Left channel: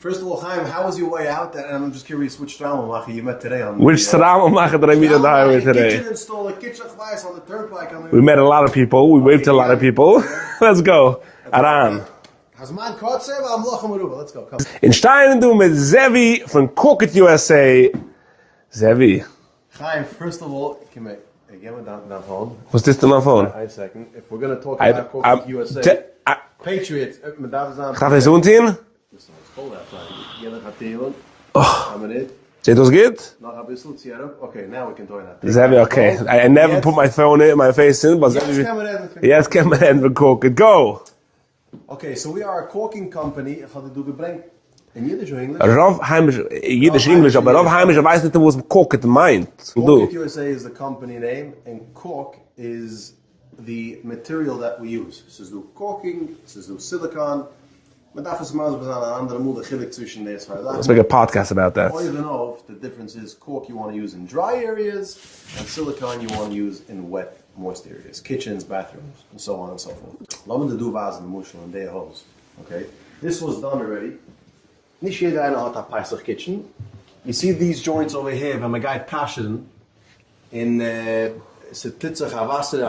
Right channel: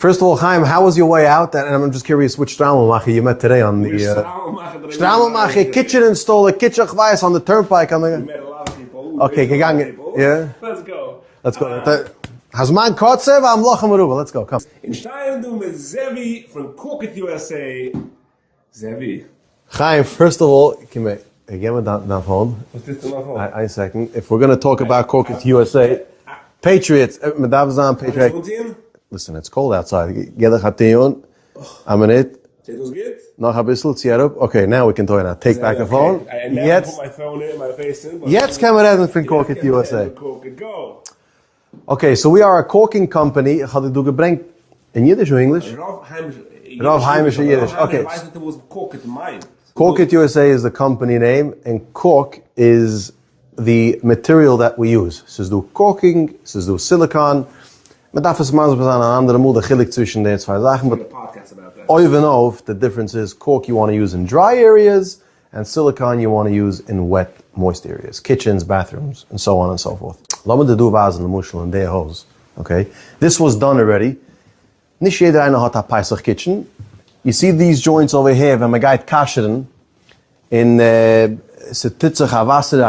First of all, Chaim, how was your way out? And I'm just curious which Straumelmacher you met today on the... Which Straumelmacher did I meet today? Kitchen installer, kitchen chwais on the turnpike. We met a lot of people. We waved to a lot of people. Yeah. Let's go. Hazman Kotzev, I'm Lochem Aruba. Let's go, come. In Stein du mit Zevi from Cookit USA. Zevi. Chaim, first of all, give me that phone. What's this on my phone? A second. If we're going to talk about Cookit USA, Patriots, listen, it's cold outside. Jeder hat die on. A minute. It was good? Noch ein bisschen, zieh up. Okay, now we can talk now. Take back Zevi, the phone. I never put my phone in, my face in. But Jetzt kann man reden von Cookit USA. Jetzt kann man reden von Cookit. Go. Okay, so we are a corking company. Had du gebrengt in Yiddish or English? Rav Heimisch, Yiddish English, aber Rav Heimisch weiß nicht, was Cookit meint. Cookit USA is the company name, and cork is the material that we use. So do corking, so do silicon. Man darf es mal so an andere Mode chilik zwischen den zwei Sachen. Let's make a podcast about that. Even though the difference is cork you want to use in dry areas, and silicon you want to use in wet, moist areas, kitchens, bathrooms, and so on and so forth. Lass do vasen mushel in their hose. Okay, this was done already. Nicht jeder einer hat a Pesach kitchen. You see these joints over here, when man geht kasheren, in titzach Wasser,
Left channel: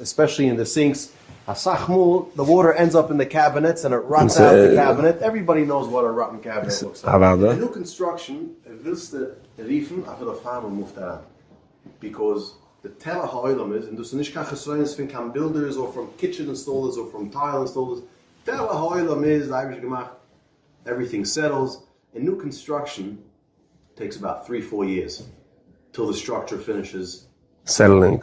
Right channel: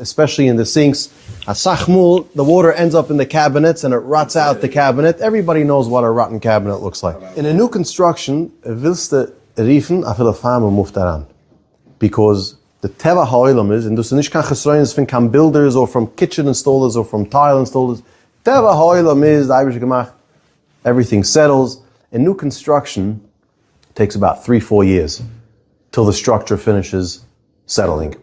especially in the sinks. A sachmul, the water ends up in the cabinets and it rots out the cabinet. Everybody knows what a rotten cabinet looks like. In a new construction, willst du riefen, a viele Farmen move daran. Because the teva ha'olam is, and du nicht kann gesreuen from builders or from kitchen installers or from tile installers. Teva ha'olam is, the Irish gemach, everything settles. In new construction, takes about 3-4 years till the structure finishes settling.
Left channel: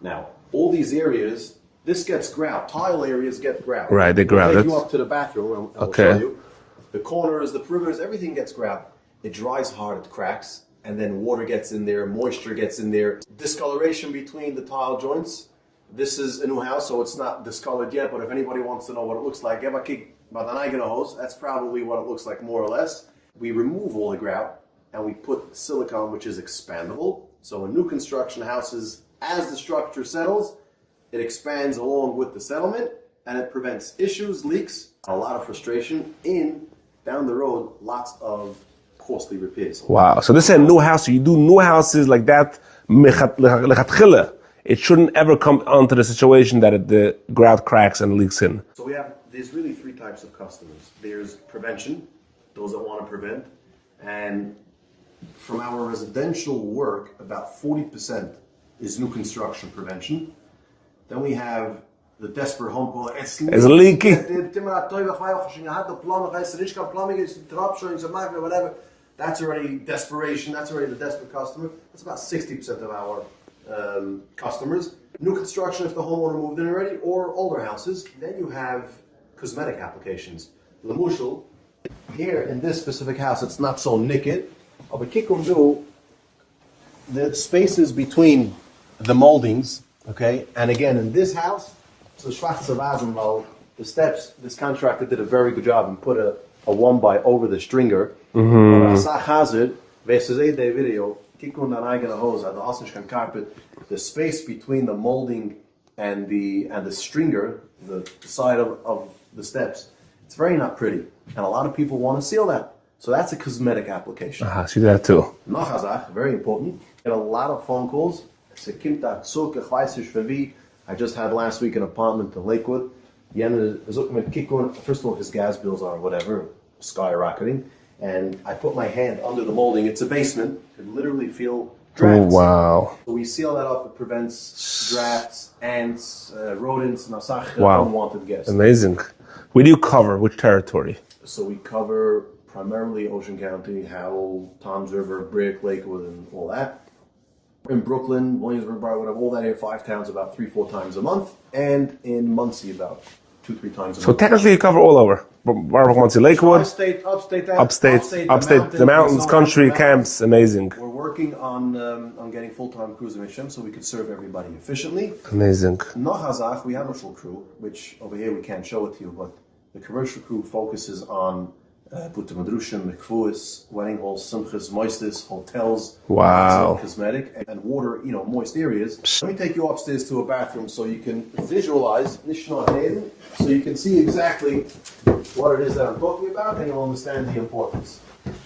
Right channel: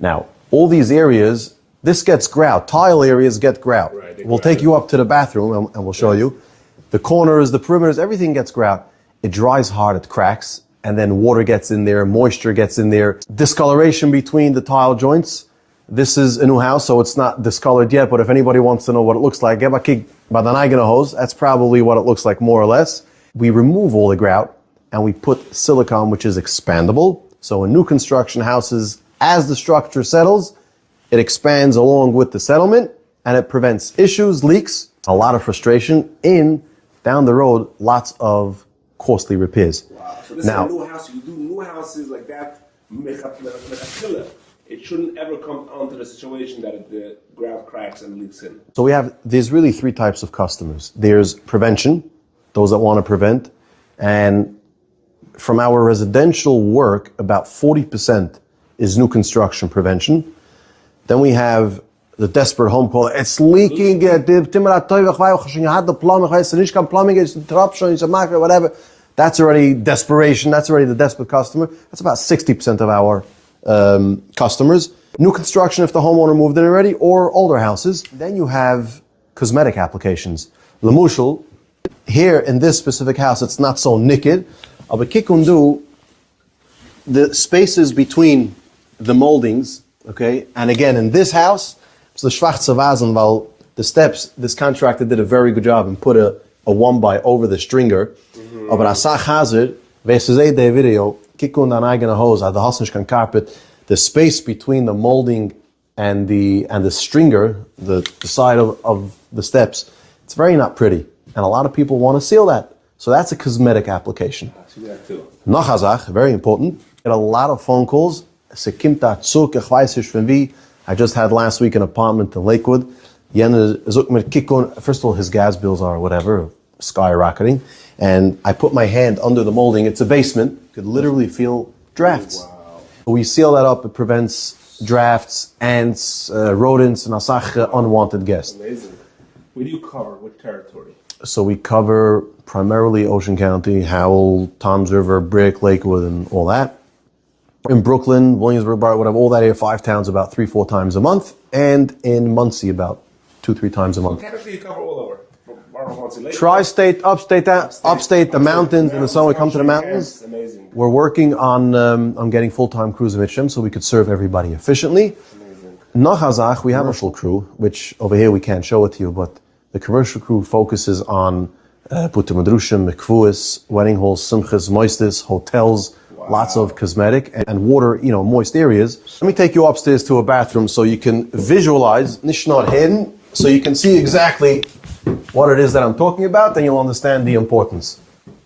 Now, all these areas, this gets grout. Tile areas get grout. Right, they grout. We'll take you up to the bathroom and we'll show you. The corners, the perimeters, everything gets grout. It dries hard, it cracks, and then water gets in there, moisture gets in there. Discoloration between the tile joints. This is a new house, so it's not discolored yet, but if anybody wants to know what it looks like, that's probably what it looks like more or less. We remove all the grout and we put silicone, which is expandable. So in new construction houses, as the structure settles, it expands along with the settlement and it prevents issues, leaks, a lot of frustration down the road, lots of costly repairs. Wow. So this is a new house. So you do new houses like that. It shouldn't ever come onto the situation that the grout cracks and leaks in. So there's really 3 types of customers. There's prevention, those that want to prevent. And from our residential work, about 40% is new construction prevention. Then we have the desperate home call. It's leaking. You had the plumbing, whatever. That's already desperation. That's already the desperate customer. That's about 60% of our customers. New construction if the homeowner moved in already, or older houses. Then you have cosmetic applications. Lamushel, here in this specific house, it's not so naked. But kikundu, the spaces between the moldings. Okay, and again, in this house, it's the schwarze Vasen, while the steps, this contractor did a very good job and put a 1x over the stringer. Aber as a hazard, wer se seh the video, kikun an eigene hose, the hasnish carpet, the space between the molding and the stringer, the side of the steps, it's very not pretty. And a lot of people want to seal that. So that's a cosmetic application. See that too. Noch a Sach, very important. Get a lot of phone calls. I just had last week an apartment in Lakewood. First of all, his gas bills are whatever, skyrocketing. And I put my hand under the molding. It's a basement. You could literally feel drafts. Oh, wow. We seal that up. It prevents drafts, ants, rodents, and unwanted guests. Amazing. We do cover which territory? So we cover primarily Ocean County, Howell, Toms River, Brick, Lakewood, and all that. In Brooklyn, Williamsburg, whatever, all that area, 5 towns about 3-4 times a month, and in Muncie about 2-3 times a month. So technically you cover all over. Muncie, Lakewood. Tri-state, upstate, the mountains, the mountains, country, camps, amazing. We're working on getting full-time crews of HM so we could serve everybody efficiently. Amazing. Nachazach, we have a commercial crew, which over here we can't show it to you, but the commercial crew focuses on Putte Madrushim, Mikvuis, wedding halls, simchas, moistus, hotels, lots of cosmetic and water, moist areas. Let me take you upstairs to a bathroom so you can visualize, nicht not hidden, so you can see exactly what it is that I'm talking about, then you'll understand the importance.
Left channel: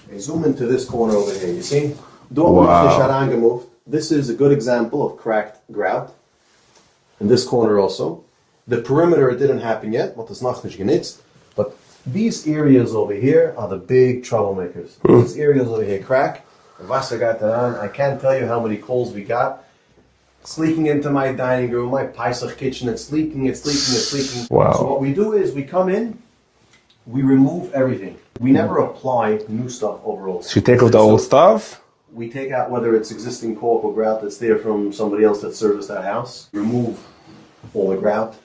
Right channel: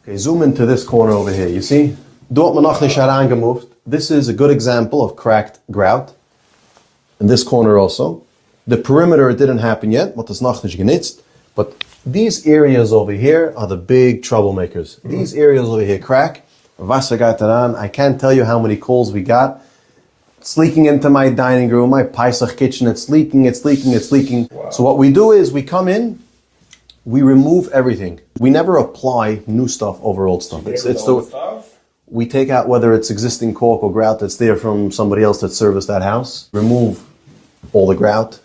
Okay, zoom into this corner over here. You see? Wow. This is a good example of cracked grout. In this corner also. The perimeter, it didn't happen yet, but but these areas over here are the big troublemakers. These areas over here crack. I can't tell you how many calls we got. It's leaking into my dining room, my Pesach kitchen. It's leaking. Wow. So what we do is we come in, we remove everything. We never apply new stuff over old stuff. So you take out the old stuff? We take out whether it's existing cork or grout that's there from somebody else that serviced that house. Remove all the grout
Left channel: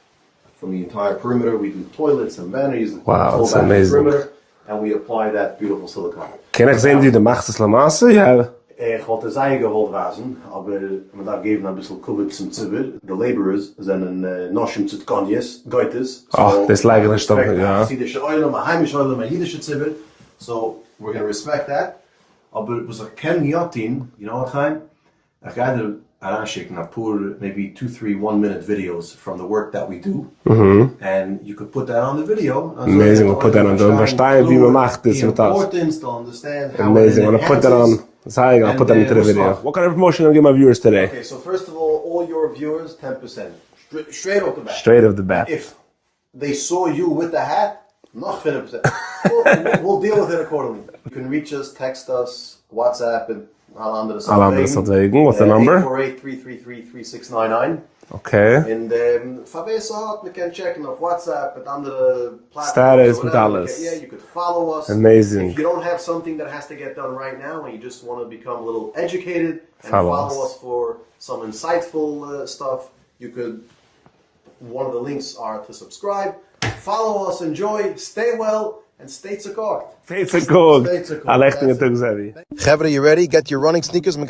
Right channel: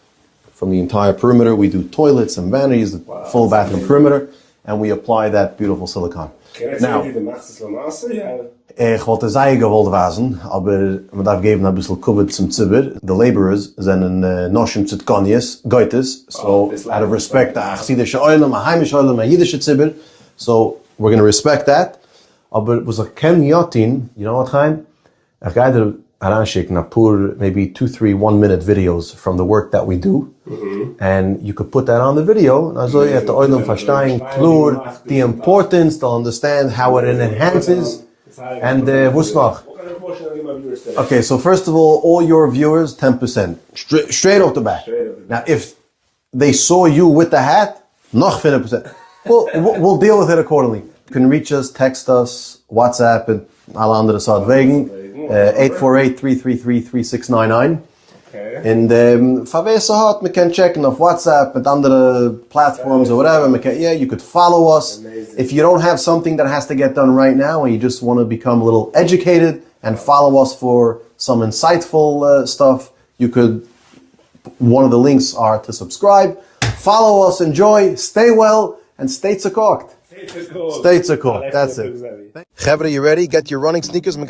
from the entire perimeter. We do toilets and vanities, the full bathroom perimeter, and we apply that beautiful silicone. Can I sehen, wie du machst das Lamasse? Ja. Ich wollte sagen gewollt wasen, aber man darf geben ein bisschen Kuvit zum Zibber. The laborers sind ein Noshim Tzitkonjes, Goites. So das like I respect that. Chassidische Oilem, a heimische Oilem, a Yiddische Zibber. So we're going to respect that. Aber was a Ken Yotin, you know what, Chaim? Ich gehe dir heranschicken, maybe 2-3 1-minute videos from the work that we do. And you could put that on the video. Amazing. The importance, to understand how it enhances. What kind of promotion will I give my viewers today? Okay, so first of all your viewers, 10%. Straight off the bat. Straight off the bat. If they saw you with the hat, nog 20%. We'll deal with it accordingly. You can reach us, text us, WhatsApp, and alle andere Sachen. What's the number? 848-333-3699. Okay. And Favesa hat, we can check auf WhatsApp mit andere platforms or whatever. You could follow us. Amazing. If you don't have something that has to get done right now and you just want to become a little educated and follow us for some insightful stuff, you could, one of the links are to subscribe. Follow us, enjoy, stay well, and stay tzakakt. Stay tzakakt. That's it. Chevra, you ready? Get your running sneakers. So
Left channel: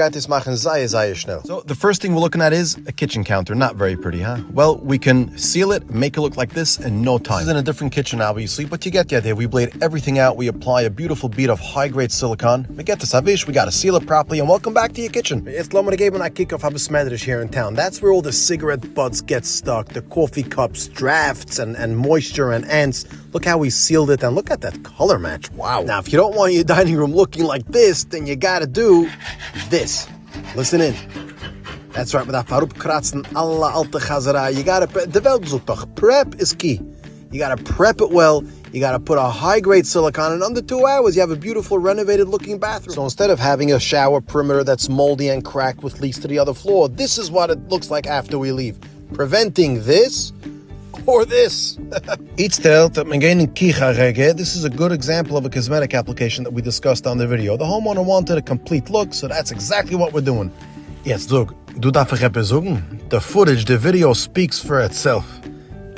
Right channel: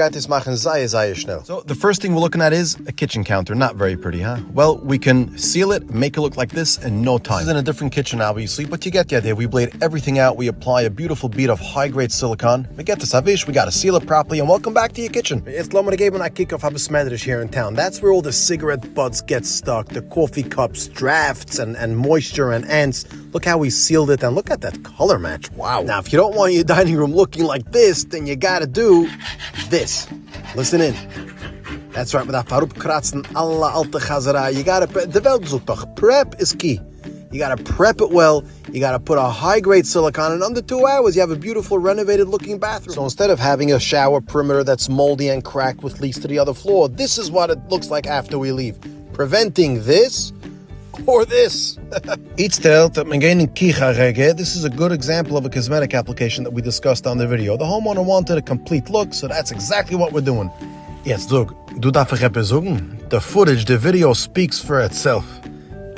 the first thing we're looking at is a kitchen counter. Not very pretty, huh? Well, we can seal it, make it look like this in no time. This is in a different kitchen, obviously, but you get the idea. We blade everything out. We apply a beautiful bead of high-grade silicone. We get the savish. We got to seal it properly, and welcome back to your kitchen. It's here in town. That's where all the cigarette butts get stuck, the coffee cups, drafts, and moisture and ants. Look how we sealed it, and look at that color match. Wow. Now, if you don't want your dining room looking like this, then you gotta do this. Listen in. That's right, with that farup kratzen, alla alte chazara. You gotta, the Welt sucht doch. Prep is key. You gotta prep it well. You gotta put a high-grade silicone. In under 2 hours, you have a beautiful renovated-looking bathroom. So instead of having a shower perimeter that's moldy and cracked with leaks to the other floor, this is what it looks like after we leave. Preventing this or this. This is a good example of a cosmetic application that we discussed on the video. The homeowner wanted a complete look, so that's exactly what we're doing. Jetzt, look, du darfst etwas sagen? The footage, the video speaks for itself.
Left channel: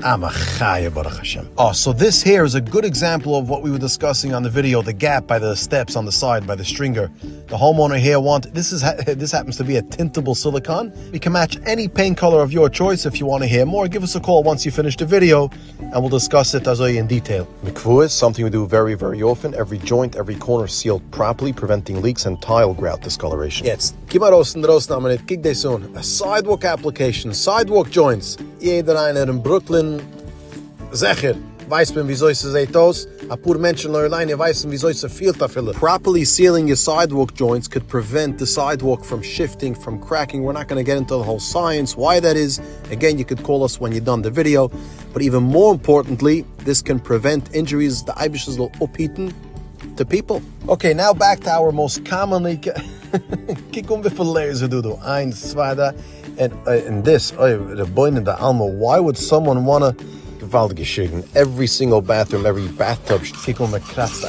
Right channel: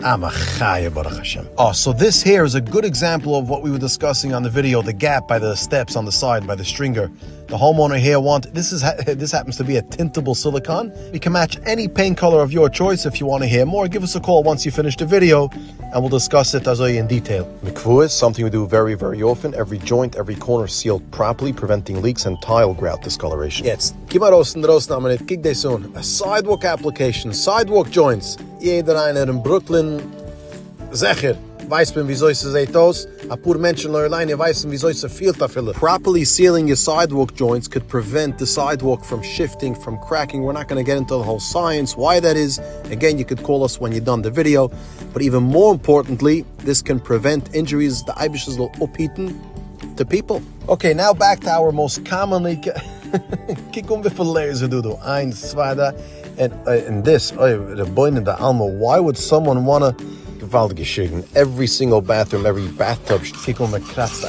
Oh, so this here is a good example of what we were discussing on the video, the gap by the steps on the side, by the stringer. The homeowner here this happens to be a tintable silicone. We can match any paint color of your choice. If you want to hear more, give us a call once you finish the video, and we'll discuss it in detail. Mikvu is something we do very, very often. Every joint, every corner sealed properly, preventing leaks and tile grout discoloration. Yes, a sidewalk application, sidewalk joints. Jeder einer in Brooklyn, sicher, weiß man, wieso es sieht aus. A paar Menschen alleine wissen, wieso es viel dafür. Properly sealing your sidewalk joints could prevent the sidewalk from shifting, from cracking. We're not going to get into the whole science, why that is. Again, you could call us when you're done the video. But even more importantly, this can prevent injuries. The Eibishes will upheaten to people. Okay, now back to our most commonly... Kijk wie viele layers du. 1, 2, 3. And this, the boy in the Alma, why would someone want to gewaltige Schicken? Every single bathroom, every bathtub, kiek me kratzt.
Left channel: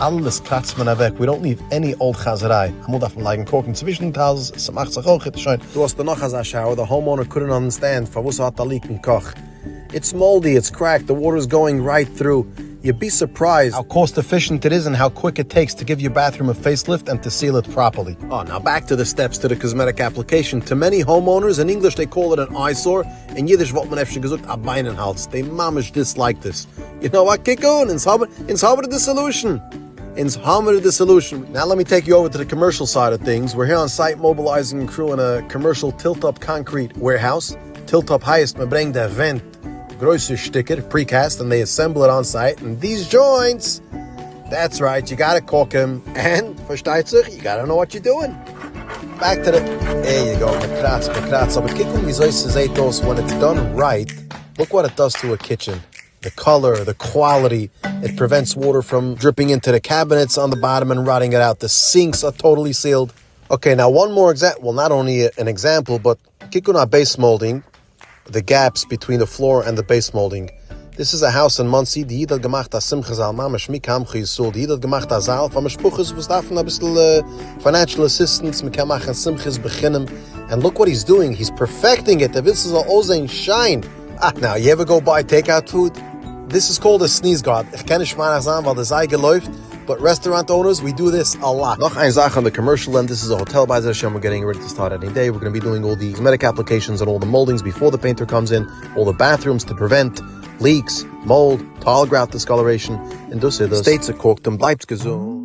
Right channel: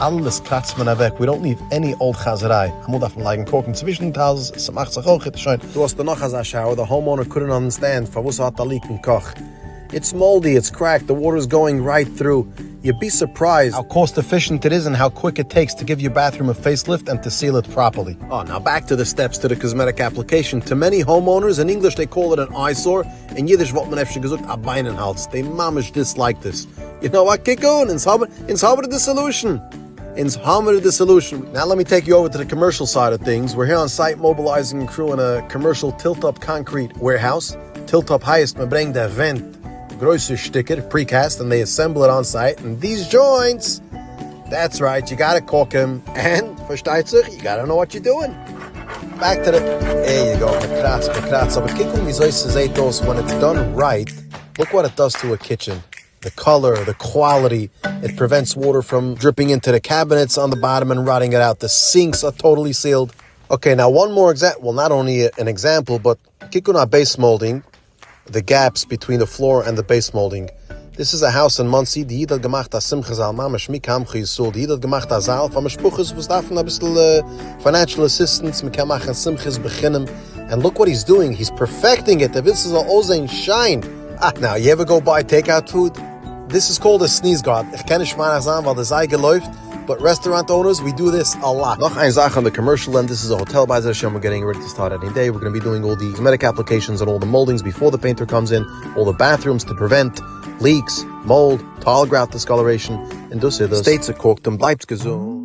Alles kratzt man weg. We don't leave any old chazerei. I moet even like koken zwischen tals, es macht sich auch schön. Du hast noch a shower, the homeowner couldn't understand, was hat da leak in Koch. It's moldy, it's cracked, the water's going right through. You'd be surprised how cost efficient it is and how quick it takes to give your bathroom a facelift and to seal it properly. Oh, now back to the steps to the cosmetic application. To many homeowners, in English they call it an eyesore. In Yiddish, what man efshig gesucht, a Beinenhals. They mamish dislike this. You know what? Kick on. Ins haben the solution. Now let me take you over to the commercial side of things. We're here on site mobilizing a crew in a commercial tilt-up concrete warehouse. Tilt-up highest, me bring the vent. grosser sticker, precast, and they assemble it on site. And these joints, that's right, you gotta caulk them. And, versteht sich, you gotta know what you're doing. Back to the, there you go, mekratz. Aber kicken, wie soll say those, when it's done right, look what it does to a kitchen. The color, the quality, it prevents water from dripping into the cabinets on the bottom and rotting it out. The sinks are totally sealed. Okay, now one more example, well, not only an example, but kikuna base molding, the gaps between the floor and the base molding. This is a house in Muncie, die hat gemacht as Simchazal, mamash mikam chisul, die hat gemacht as Zal, von Mishpuches, was davon a bissl financial assistance, mikam machen Simchas beginnen. And look what he's doing, he's perfecting it, the this is a ozein shine. Now, you ever go buy takeout food? This is called a sneeze guard. Ich kenne Schmanach sagen, weil das Eige läuft. But restaurant owners, we do this a lot. Noch ein Sache on the commercial end. This is a hotel by the Hashem. We're getting ready to start any day. We're going to be doing all the cosmetic applications and all the moldings before the painter comes in. All the bathrooms to prevent leaks, mold, tile grout discoloration. And dus states are corked and bleibs gesund.